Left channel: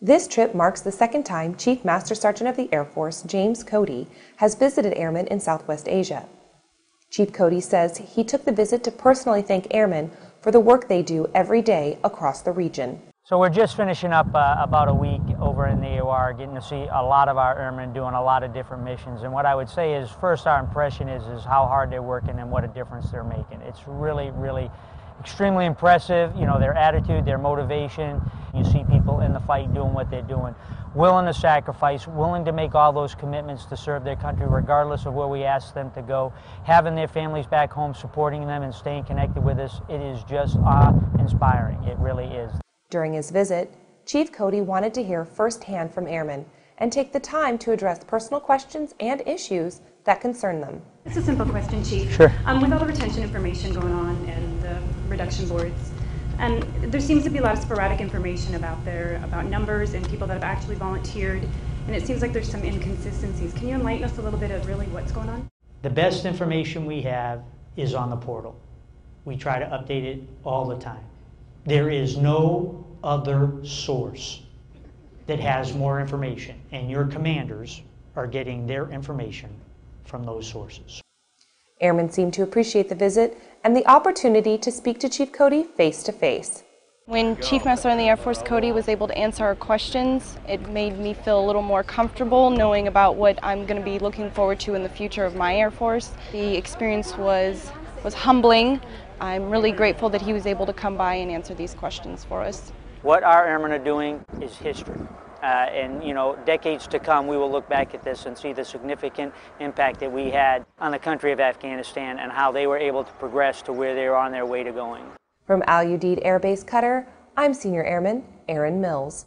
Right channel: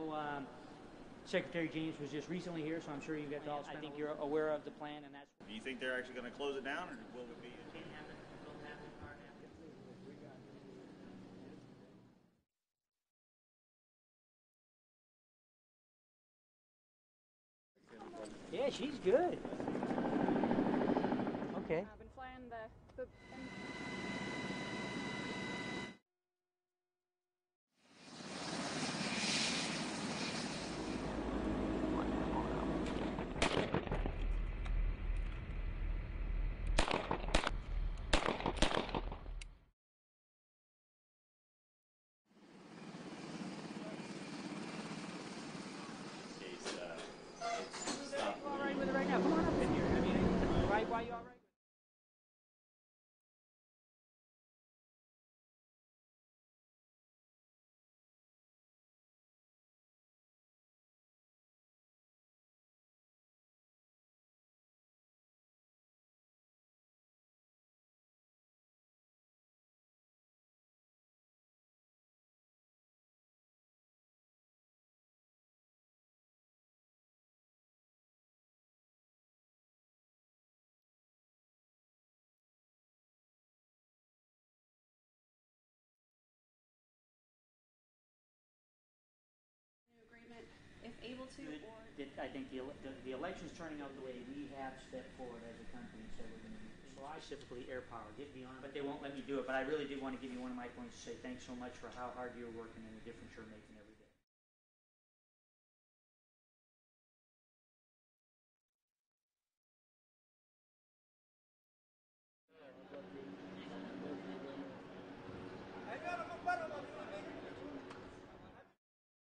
This trip marks the second time Chief Master Sergeant of the Air Force, James Cody, has visited airmen in Southwest Asia. Chief Cody says he took the visit to personally thank airmen for the work they do every day across the region. So we're just finishing up about a week over in the AOR, getting to see a lot of our airmen doing a lot of different missions. And what I would say is, first, our impression is how hard they're working and what a difference they're making. It's really, really extremely impressive. You know, their attitude, their motivation. You see people in the fight doing what they're doing, willing to sacrifice, willing to make all those commitments to serve their country regardless of where we ask them to go, having their families back home, supporting them and staying connected with us. It is just awe-inspiring. It really is. During his visit, Chief Cody wanted to hear firsthand from airmen and take the time to address personal questions and issues that concern them. It's a simple question, Chief. Sure. With all the retention information going on and the reduction boards, and there seems to be a lot of sporadic information about numbers and people that have actually volunteered, and it seems like there's some inconsistencies. Can you enlighten us a little bit of really what's going on? The best information we have is on the portal. We try to update it all the time. There is no other source that has more information, and your commanders are getting their information from those sources. Airmen seem to appreciate the visit and the opportunity to speak to Chief Cody face to face. When Chief Master in the Air Force Cody was able to answer our questions, it made me feel a little more comfortable knowing about what I'm going to be looking forward to in the future of my Air Force. The experience was humbling. I'm really grateful that he was able to come by and answer these questions for us. What our airmen are doing is history. And, you know, decades to come, we will look back at this and see the significant impact that we had on the country of Afghanistan and how they were able to progress to where they are on their way to going. From Udeid Air Base, Qatar, I'm Senior Airman Erin Mills.